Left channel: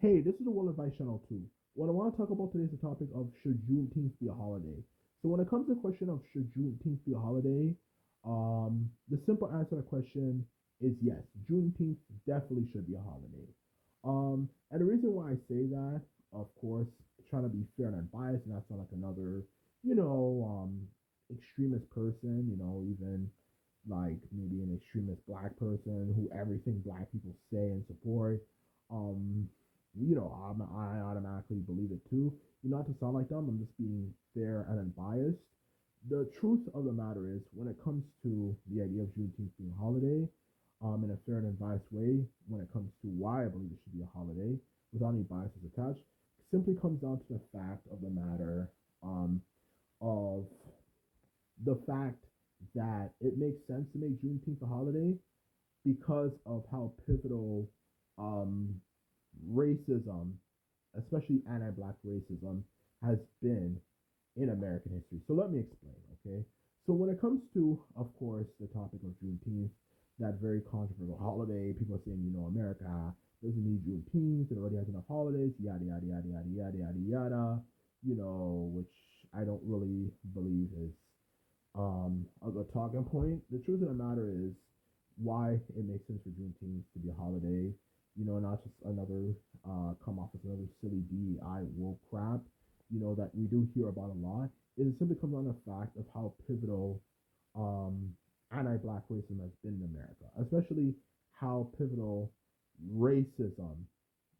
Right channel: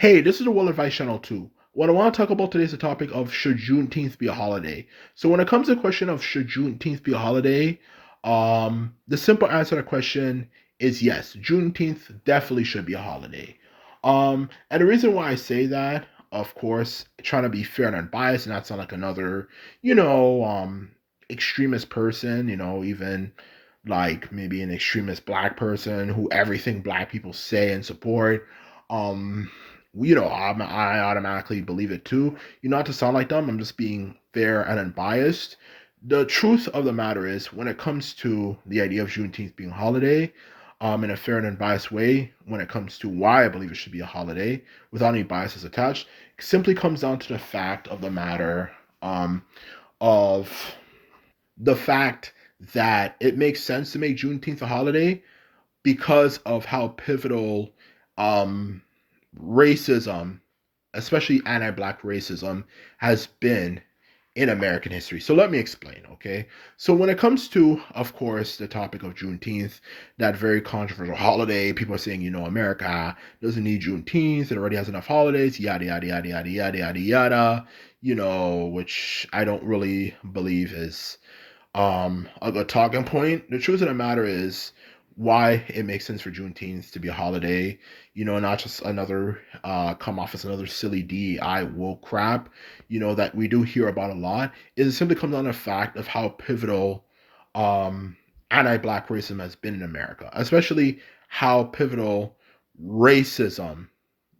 Hey, this is the World Advice Channel 2. What I want to talk about today is the topic of should Juneteenth be a holiday. So when it comes to the question of should Juneteenth be a holiday, the simple answer to the question is yes. Juneteenth definitely should be a holiday. And the reason why I say that, of course, trying to be fair and unbiased and not sound like another, you know, extremist person, even like maybe an extremist black person who everything black people say and support. Um, I automatically believe it too. Not to sound like them, I'm just being fair and unbiased. The truth of the matter is, when it comes to the idea of Juneteenth being a holiday, in a fair and unbiased way, when it comes to why I believe it should be a holiday, without any biases attached, it simply comes down to the fact of the matter, of the fact that it makes sense to make Juneteenth a holiday because of how pivotal um, racism, especially anti-black racism, has been in American history. So let me explain, okay? So when it comes to, of course, the topic of Juneteenth, that very controversial holiday, people are saying, America doesn't need Juneteenth, it already has enough holidays, yada yada yada yada yada yada yada, which I don't really believe is a talking point. The truth of the matter is why it makes sense for Juneteenth to be a holiday, not just another come off as another silly DEI woke crap, that we do hear about a lot, is it simply comes down to the fact of how pivotal um anti-black racism has been in America, especially how pivotal racism,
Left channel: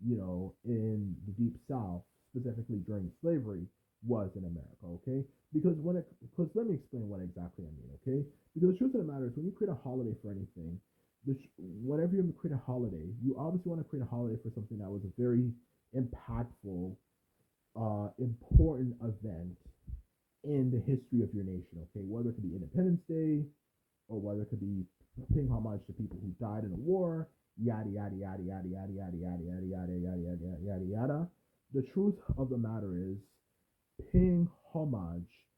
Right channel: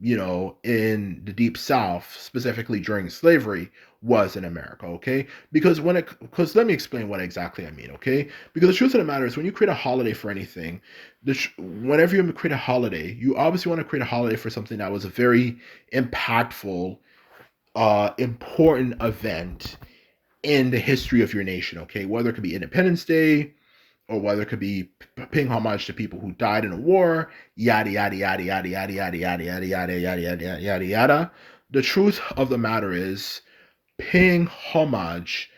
in the deep south, specifically during slavery, was in America, okay? Because let me explain what exactly I mean, okay? Because the truth of the matter is, when you create a holiday for anything, whenever you create a holiday, you obviously want to create a holiday for something that was a very impactful, important event in the history of your nation, okay? Whether it could be Independence Day, or whether it could be paying homage to people who died in a war, yada yada yada yada yada yada yada yada yada yada yada yada yada. The truth of the matter is, paying homage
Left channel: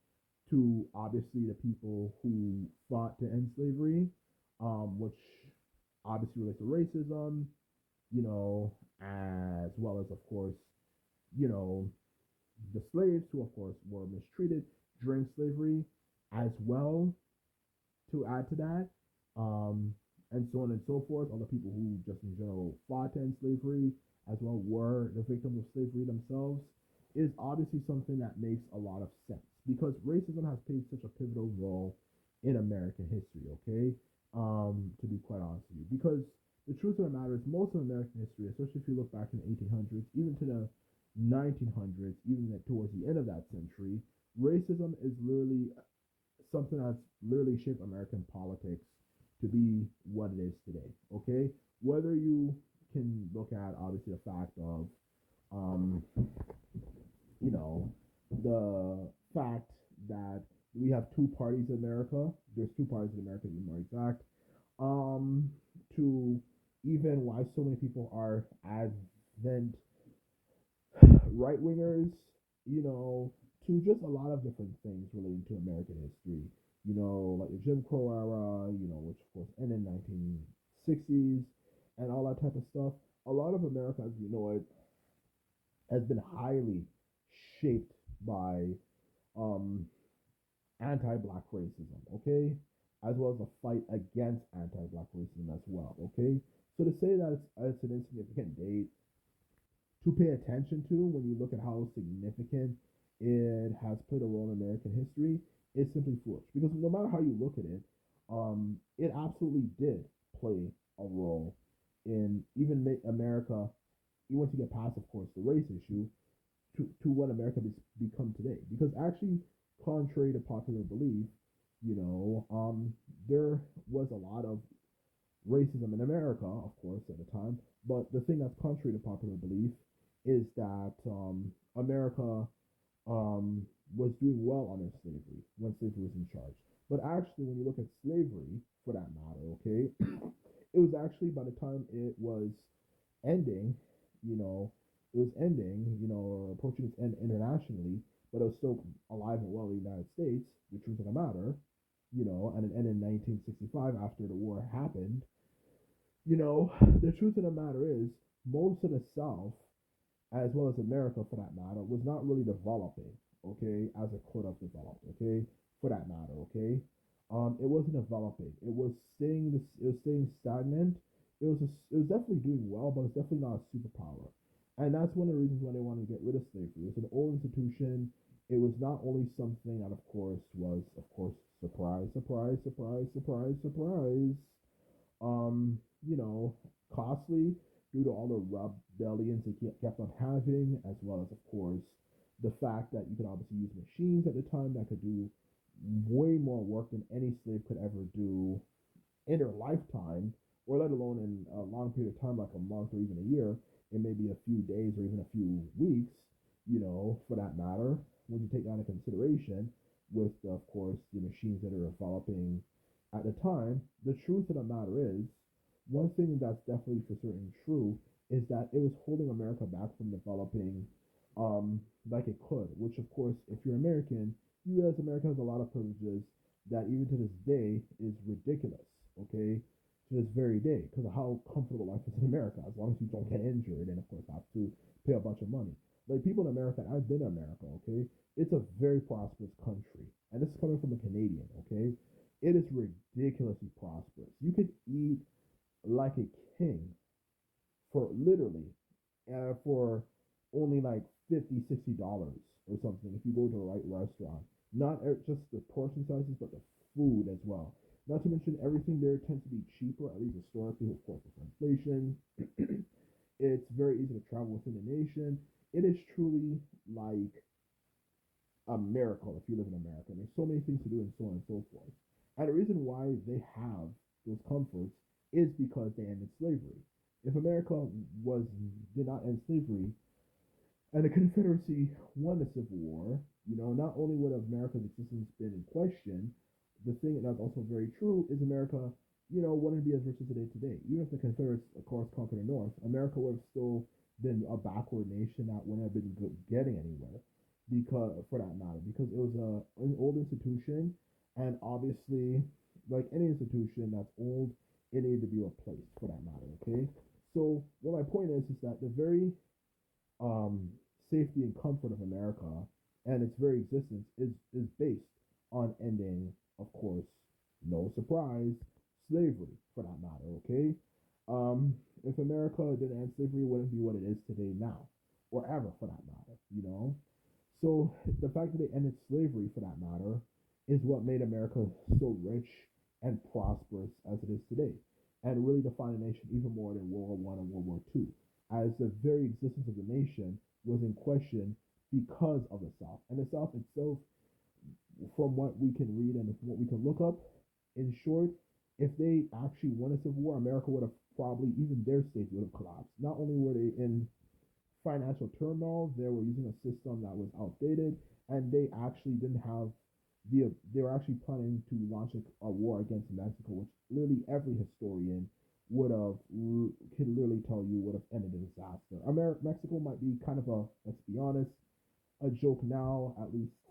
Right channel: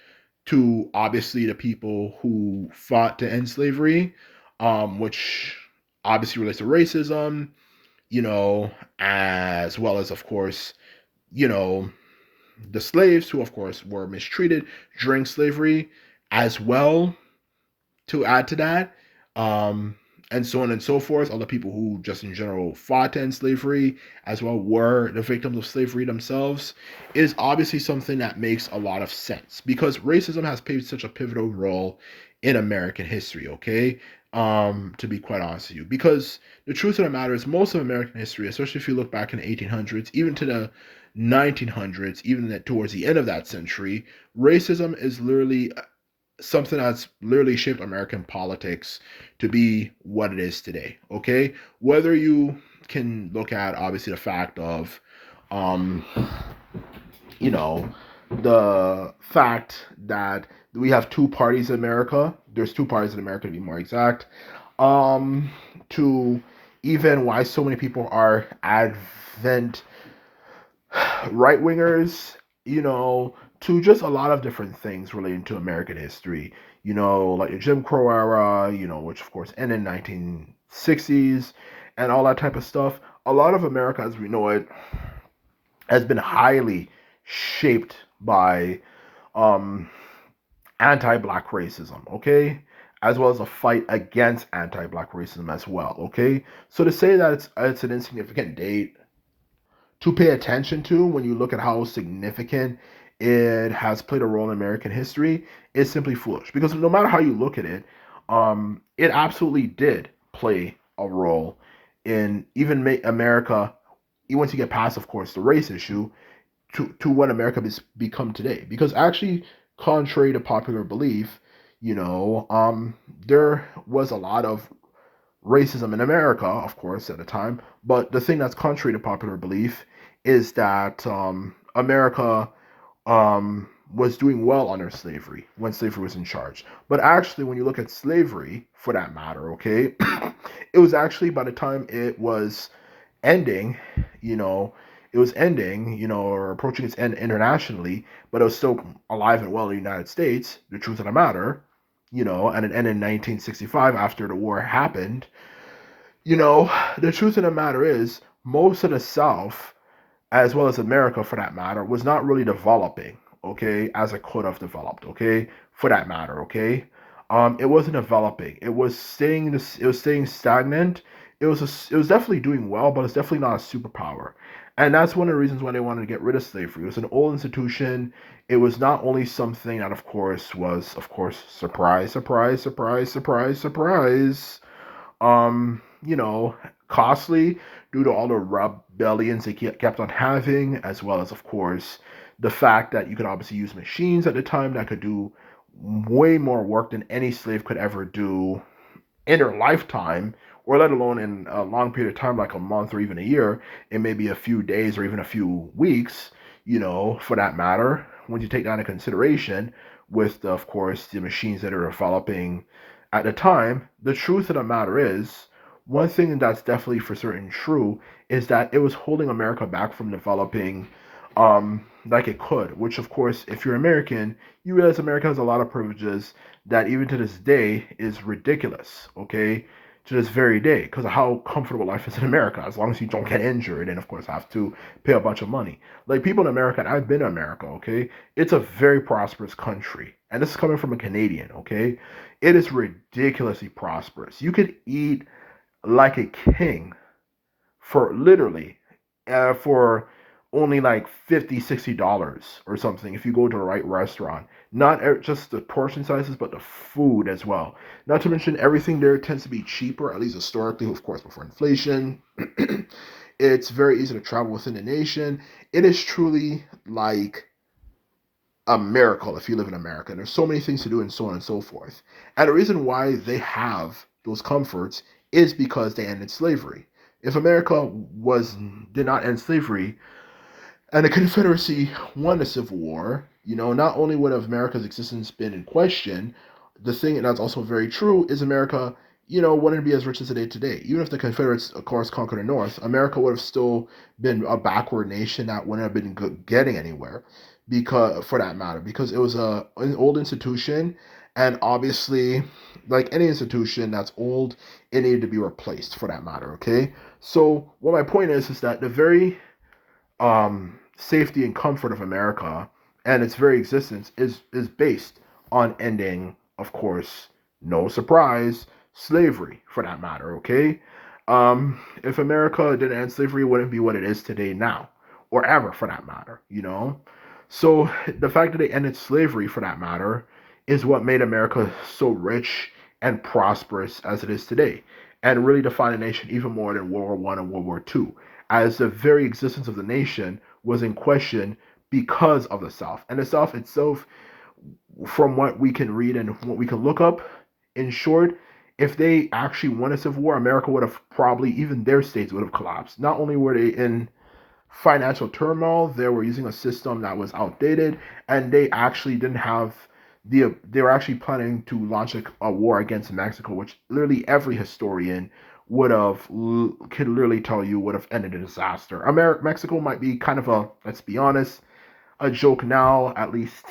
to obviously the people who fought to end slavery, which obviously relates to racism, as well as, of course, you know, the slaves who, of course, were mistreated during slavery as well, to add to that, um, and so on and so forth. Other people who just in general fought to end slavery as well were the victims of slavery themselves, is obviously something that makes a lot of sense because racism has played such a pivotal role in American history, okay? To be quite honest with you, because the truth of the matter is, most of American history, especially if you look back in the 1800s, even to the 1900s, even that towards the end of that century, racism is literally something that's literally shaped American politics to be what it is today. Okay, whether you can look at obviously the fact of, um, you know, the fact that we have two parties in America. There's two parties in America to be more exact. Um, to even why so many people are advent right wingers, to just a lot of different things relating to American history, like the Jim Crow era, which of course ended in 1960s and all that type of stuff. A lot of America as we know it has been highly shaped by um, anti-black racism, okay? As well as a fight against anti-black racism as well, okay? So to say that it's an insignificant date to pay attention to when you look at how significant it has played a role in American history is simply foolish. Because no matter how you look at it, it absolutely did play a role in even America, even once you get past, of course, the race issue, to what America has become today. Because actually, contrary to popular belief, there was a lot of racism in America, of course, at the time. But the thing that's contrary to popular belief is that America was doing well under slavery when slavery was in charge. But actually, when you look at slavery, for that matter, okay, it was actually by the time it was ending, you know, it was ending, or approaching its end internationally, but it was still alive and well in the United States, the truth of the matter, and it ended in 1965 after the war happened. You know, the truth of the matter is, most of the South, as well as America for that matter, was not really developing, okay, as it could have developed, okay, for that matter, okay. It wasn't developing. It was staying stagnant. It was definitely doing well, but it's definitely not a superpower. And that's one of the reasons why they wanted to get rid of slavery. It was an old institution. It was not only something that, of course, surprise, surprise, surprise, surprise, surprise, you know, costly due to all the rebellions they kept on having, as well as, of course, the fact that you could obviously use machines at the time that could do way more work than any slave could ever do in their lifetime, or let alone in a long period of time, like a month or even a year, it may be a few days or even a few weeks, for that matter, when you take that into consideration with, of course, the machines that are developing at the time. The truth of the matter is, one thing that's definitely for certain true is that it was holding America back from developing like it could, which, of course, if you're American, you realize America has a lot of privileges that even to this day is ridiculous, okay? To this very day, because of how comfortable life is in America, as long as you don't get injured and, of course, have to pay a bunch of money. Like people in America, and I've been in America, okay? It's a very prosperous country. And this is coming from a Canadian, okay? It is ridiculously prosperous. You could eat like a king for literally for only like 50, $60 or something if you go to the right restaurant. Not just the portion sizes, but the food as well. Not to mention everything there tends to be cheaper, at least historically, of course, before inflation. It's very easy to travel within the nation. It is truly like a miracle if you live in America. There's so many things to do and so on and so forth. And the reason why they have those comforts is because they ended slavery. If America was did not end slavery and the Confederacy won the Civil War, not only would America's existence been in question, the thing that's also very true is America, wouldn't be as rich as it is today. Even if the Confederates, of course, conquered the North, America would have still been a backward nation that wouldn't have been getting anywhere, because for that matter, because it was an old institution, and obviously, like any institution that's old, it needed to be replaced for that matter. Okay, so what my point is that the very safety and comfort of America and its very existence is based on ending, of course, no surprise, slavery for that matter. Okay, if America didn't end slavery, it wouldn't be what it is today now, or ever for that matter. So the fact that they ended slavery for that matter is what made America so rich and prosperous as it is today, and really defined the nation even more than World War One and World War Two, as the very existence of the nation was in question because of the South. And the South itself, from what we can read and what we can look up, in short, if they actually won a civil war, America would have probably, even their states would have collapsed. Not only were they in financial turmoil, they were using a system that was outdated, and they actually didn't have they were actually planning to launch a war against Mexico, which literally every historian could literally tell you would have ended in disaster. Mexico might be kind of let's be honest, a joke now, at least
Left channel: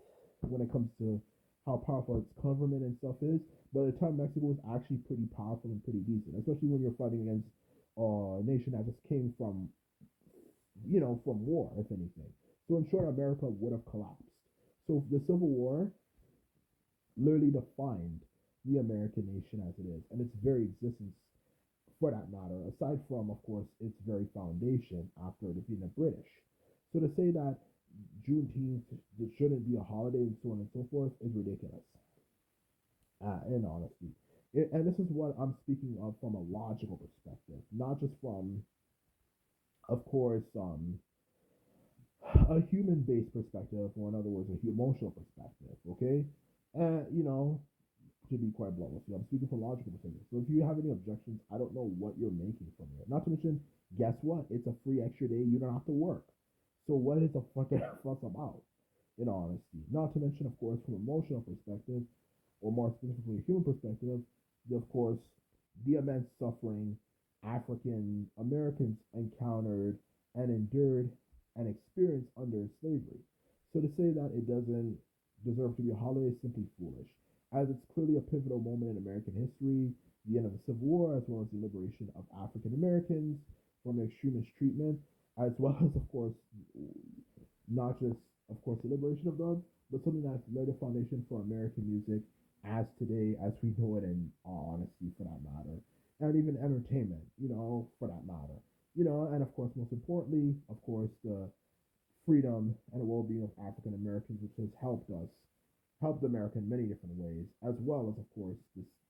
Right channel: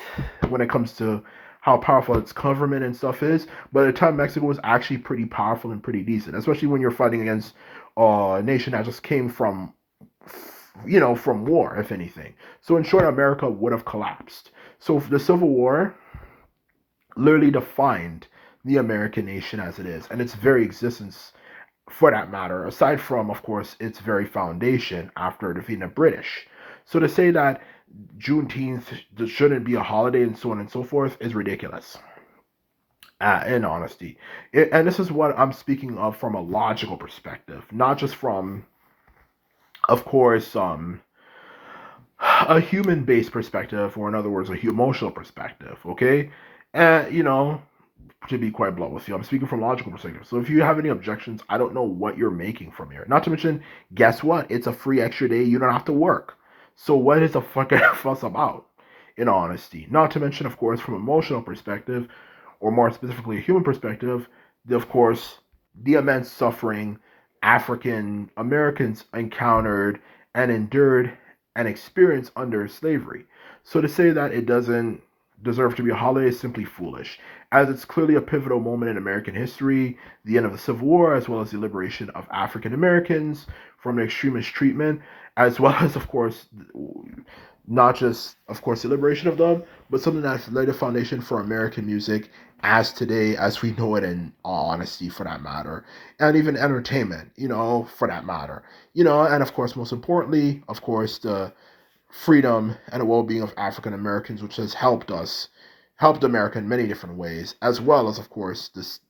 when it comes to how powerful its government and stuff is. But at the time, Mexico was actually pretty powerful and pretty decent, especially when you're fighting against a nation that just came from from war, if anything. So in short, America would have collapsed. So the Civil War literally defined the American nation as it is, and its very existence for that matter, aside from, of course, its very foundation after defeating the British. So to say that Juneteenth shouldn't be a holiday and so on and so forth is ridiculous. In honesty, and this is what I'm speaking of from a logical perspective, not just from, of course, a human-based perspective, or in other words, a emotional perspective. Okay, and to be quite blunt with you, I'm speaking from logical perspective. So if you have any objections, I don't know what you're making from here. Not to mention, guess what? It's a free extra day. You don't have to work. So what is the fucking fuss about? In honesty, not to mention, of course, from emotional perspective, or more specifically, a human perspective, of course, the immense suffering African Americans encountered and endured and experienced under slavery. So to say that it doesn't deserve to be a holiday is simply foolish, as it's clearly a pivotal moment in American history, the end of the Civil War, as well as the liberation of African Americans from the extremist treatment, as well as, of course, not just, of course, the liberation of them, but something that's laid a foundation for American music as today, as we know it, in all honesty, for that matter, and even entertainment, for that matter, and of course, most importantly, of course, the freedom and the well-being of African Americans, which has helped America in many different ways, as well as, of course, this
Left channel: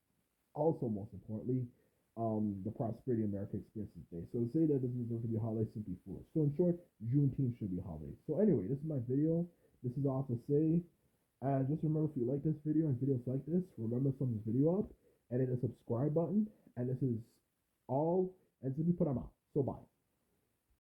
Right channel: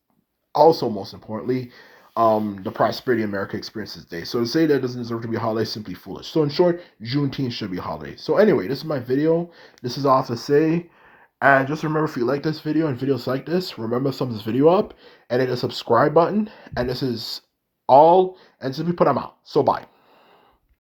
also most importantly, the prosperity America experiences today. So to say that it doesn't deserve to be a holiday is simply foolish. So in short, Juneteenth should be a holiday. So anyway, this is my video. This is all I have to say. And just remember, if you like this video and videos like this, remember to thumb this video up and hit the subscribe button. And this is all. And simply put, I'm out. So bye.